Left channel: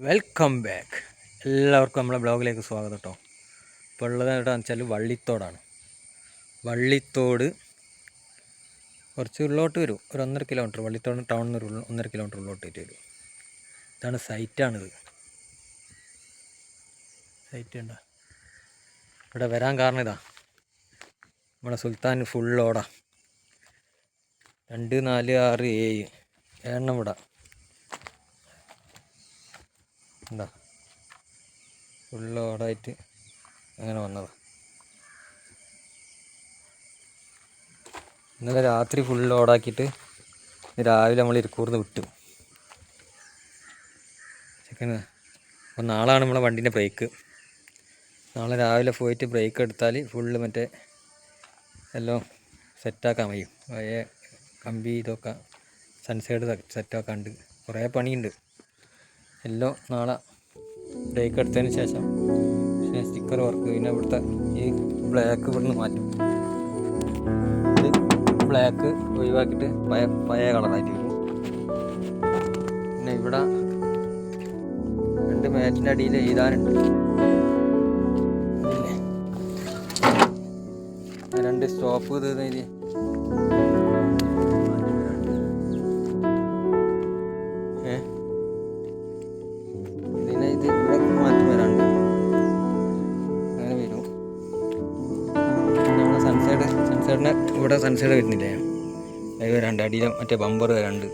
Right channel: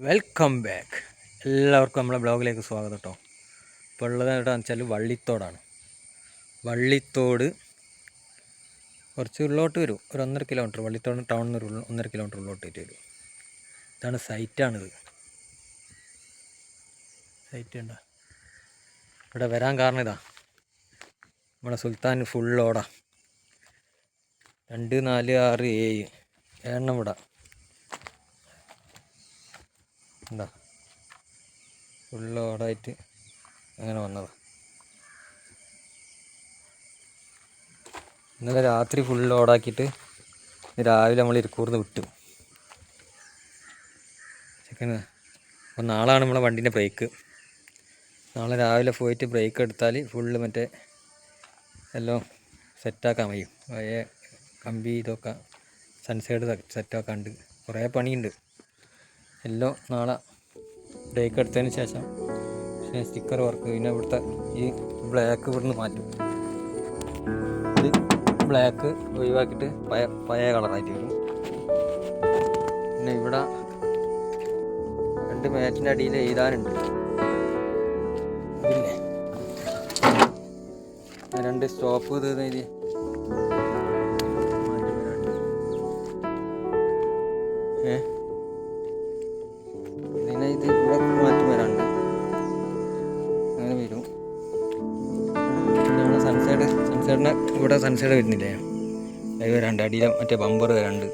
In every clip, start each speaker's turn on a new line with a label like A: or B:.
A: Welcome back. എല്ലാവർക്കും നമ്മളെ ബ്ലോഗിലേക്ക് സ്വാഗതം കേട്ടോ ഇപ്പോൾ ഉള്ളത് എവിടെയാണെന്ന് വെച്ചാൽ വള്ളിത്തോടാണ്. വള്ളിത്തോട് കുറച്ച് ഉള്ളോട്ട് വരും. ഒരു ഒന്നര കിലോമീറ്റർ വള്ളിത്തോട് ടൗണിൽ നിന്ന് ഒരു ഒന്നര കിലോമീറ്റർ ഉള്ളോട്ട് വരും. ഇതാണ് സൈറ്റാണിത് സൈറ്റ് ഉണ്ടോ? ഇവിടെ വരാൻ കാരണം ഇതാ. നമ്മുടെ സുൽത്താൻ ഫുൾ ഓടാ രണ്ട് നാല് ആറ് ഏഴ്. ഏഴെണ്ണം ഇവിടെ. എന്താ ഫുള്ള് ഓടായിട്ട് അങ്ങനെ വന്നത്. ഇന്നലെ രാത്രി ഫുള്ള് ഓടാക്കിയിട്ട് രാവിലെ നമ്മൾ ഇരിക്കൂർന്ന് വിട്ടു. ചെക്കന് അപ്പോൾ നാളാണ് നമ്മളെ വണ്ടീന്റെ ബ്രേക്ക്. നാളെ രാവിലെ പോയിട്ട് ബ്രേക്ക് എടുത്താൽ ഫുള്ള് മറ്റേ എല്ലാം സെറ്റാക്കാൻ കഴിയും കമ്പി ഇതൊക്കെ സൺസൈഡ് സെറ്റാക്കാണ്ട്. കുറേ പണിയുണ്ട്. എല്ലാം നാളെ ബ്രേക്ക് എടുത്തതിന് ശേഷം പിന്നെ സ്റ്റിക്കർ വർക്ക് പിന്നെ ഇവിടുത്തെ ഈ ബ്ലാക്ക് ഇവിടുന്ന് മാറ്റും. ഇത് ബ്ലാക്ക് ഒഴിവാക്കിയിട്ട് പഴയ പഴയ കളറായിട്ട് വരും. പിന്നെ ഇവിടെ രണ്ട് മാറ്റിന്റെ അടിയിൽ എഴുതാനുണ്ട്. രണ്ട് സ്റ്റോപ്പ് ഇത് എഴുതി സൺസൈഡിന് ഇവിടെ സൺസൈഡ് വരുന്നില്ലേ? അത് വരാണ്ട് അടിയിലെ മറ്റേ ബമ്പർ വരാണ്ട്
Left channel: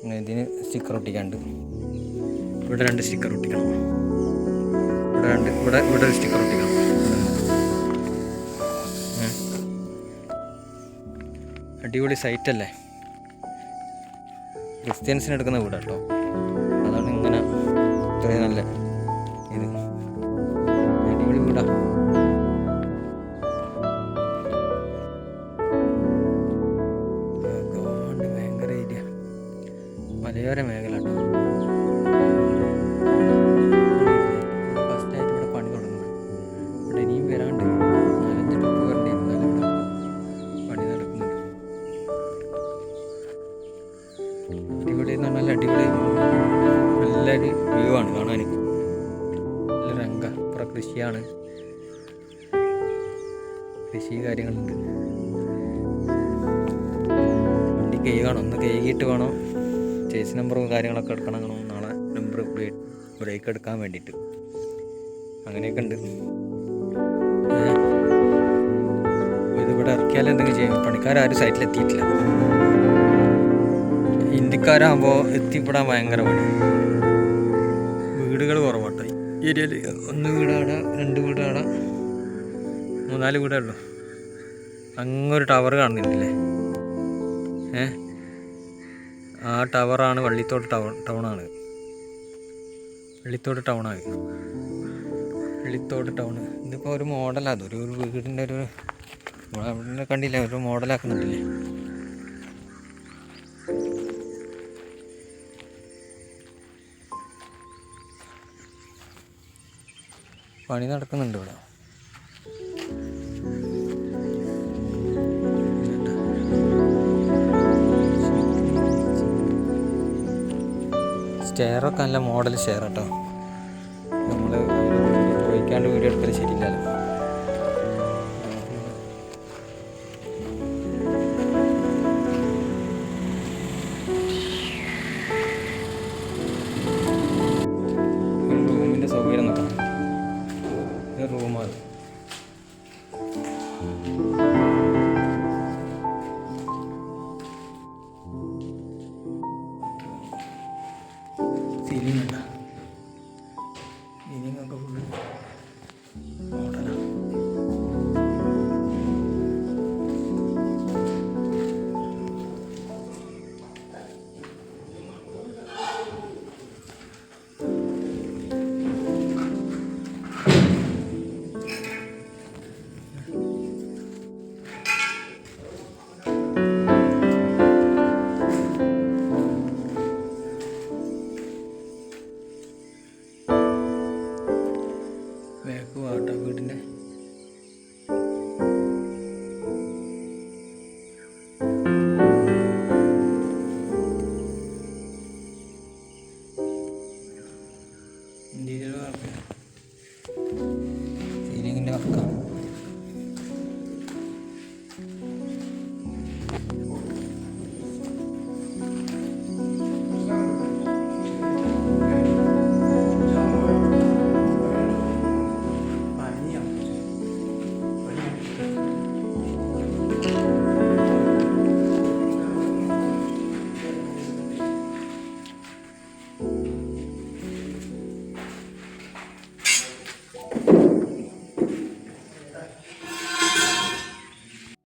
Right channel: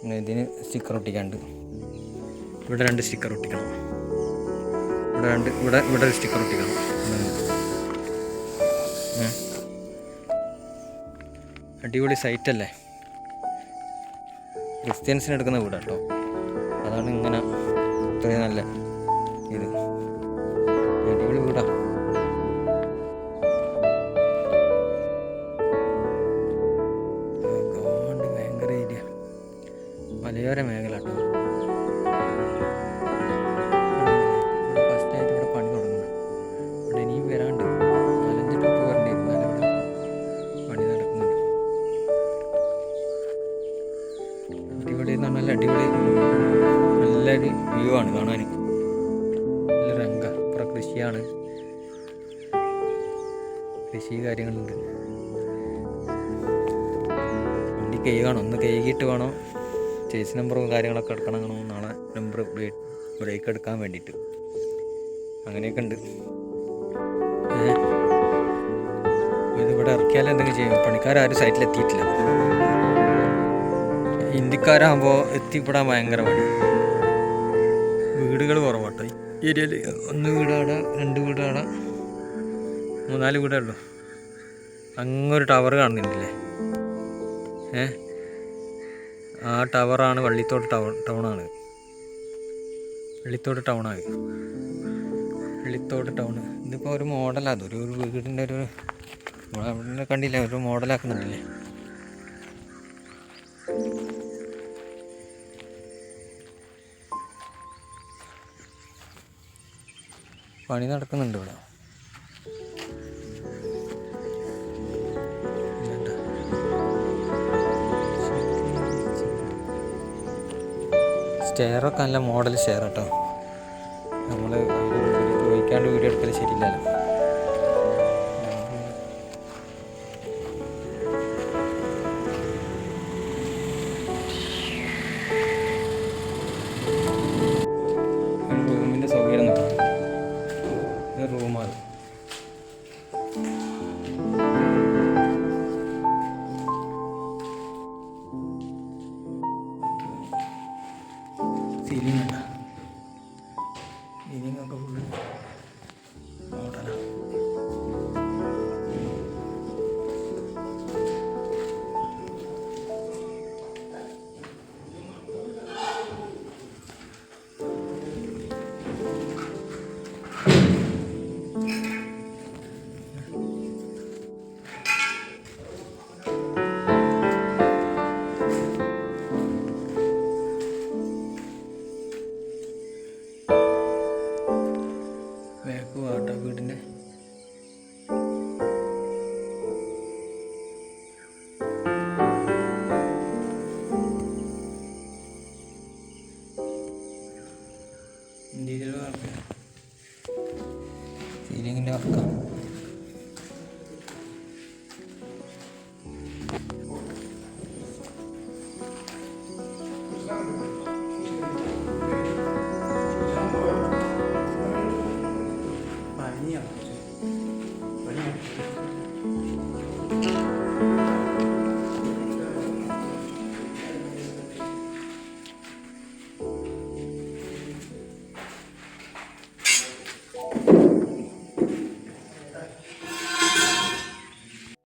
A: പിന്നെ ഇതിന് സ്റ്റിക്കർ ഒട്ടിക്കാണ്ട് ഇവിടെ രണ്ട് സ്റ്റിക്കർ ഒട്ടിക്കണം. ഇവിടെ രണ്ട് ഇവിടെ ഇവിടെ ഒരു സ്റ്റിക്കർ ഒട്ടിക്കണം. അടിപൊളി സൈറ്റ് അല്ലേ? ക്രിസ്ത്യൻസിന് എടുക്കുന്ന വീടാട്ടോ. അതാണ് ഇങ്ങനെ ഇത്രയും നല്ല ഇത്. മലയോര മേഖല കേട്ടോ ഫസ്റ്റ് ആയിട്ട് ഇവിടെ പണി തുടങ്ങുന്നത് ഇവിടെ ഇനിയും വരാണ്ട് നാലഞ്ച് ട്രിപ്പ് വരേണ്ടി ഇവിടെ പണി നടക്കുന്നുണ്ട്. അടിപൊളി എന്ന് പറഞ്ഞാൽ അടിപൊളി നല്ലൊരു വ്യൂ ആണ് കാണാൻ. നല്ല രംഗ ഇപ്പുറം കൃഷിയാണ്. കൃഷി കാര്യങ്ങളുണ്ട്. വണ്ടി കഴുകണം. ഒന്ന് കഴുകിയിട്ട് വേണം. ചേസ് നമ്പറും കാര്യങ്ങളൊക്കെ എടുക്കണം നാളെ നമ്പർ ബ്രേക്ക് എടുക്കാൻ വേണ്ടിയിട്ട്. അങ്ങനെയൊക്കെ ഉണ്ട്. ഇതിവിടെ ഇറക്കിയാലും എന്തെങ്കിലും ചെയ്യും. പണിക്കാരും സൈറ്റിൽ എത്തിയിട്ടില്ല. ഹിന്ദിക്കാരാകുമ്പോൾ എത്തിപ്പെടാൻ ഭയങ്കര പണി. വീടുകൾ കുറവാട്ടോ. ഏരിയയിൽ ഒന്ന് വീട് രണ്ട് വീട് അവിടെ മൂന്നാൽ വീടേ ഉള്ളൂ. അങ്ങൊരു ടവർ കാണുന്നുണ്ടല്ലേ? ഏ ആ ടവറാണ് വള്ളിത്തോട് ടൗൺ ടൗണാണ്. വള്ളിത്തോട് ടൗണാണ്. വള്ളിത്തോട് ടൗൺ ഇതിപ്പോൾ ഒരു മോഡലാണ് അതൊരു ഒരു വീടിന്റെ ഒരു അവിടെ കണ്ടില്ല? ഒരു മോഡലാക്കുന്നുണ്ടല്ലേ? പണി നടക്കുന്നുണ്ട് ഇവിടെ. സ്റ്റെയറൊക്കെ നല്ല മോഡൽ സ്റ്റെയർ കേട്ടോ നമ്മൾ ചോദിക്കാണ്ട് വീഡിയോ എടുക്കൽ ശരിയില്ലല്ലോ. റൂമിന്റെ സൗകര്യം നോക്കാം റൂമാണ് plastilina. വാട്ട വീടിന്റെ.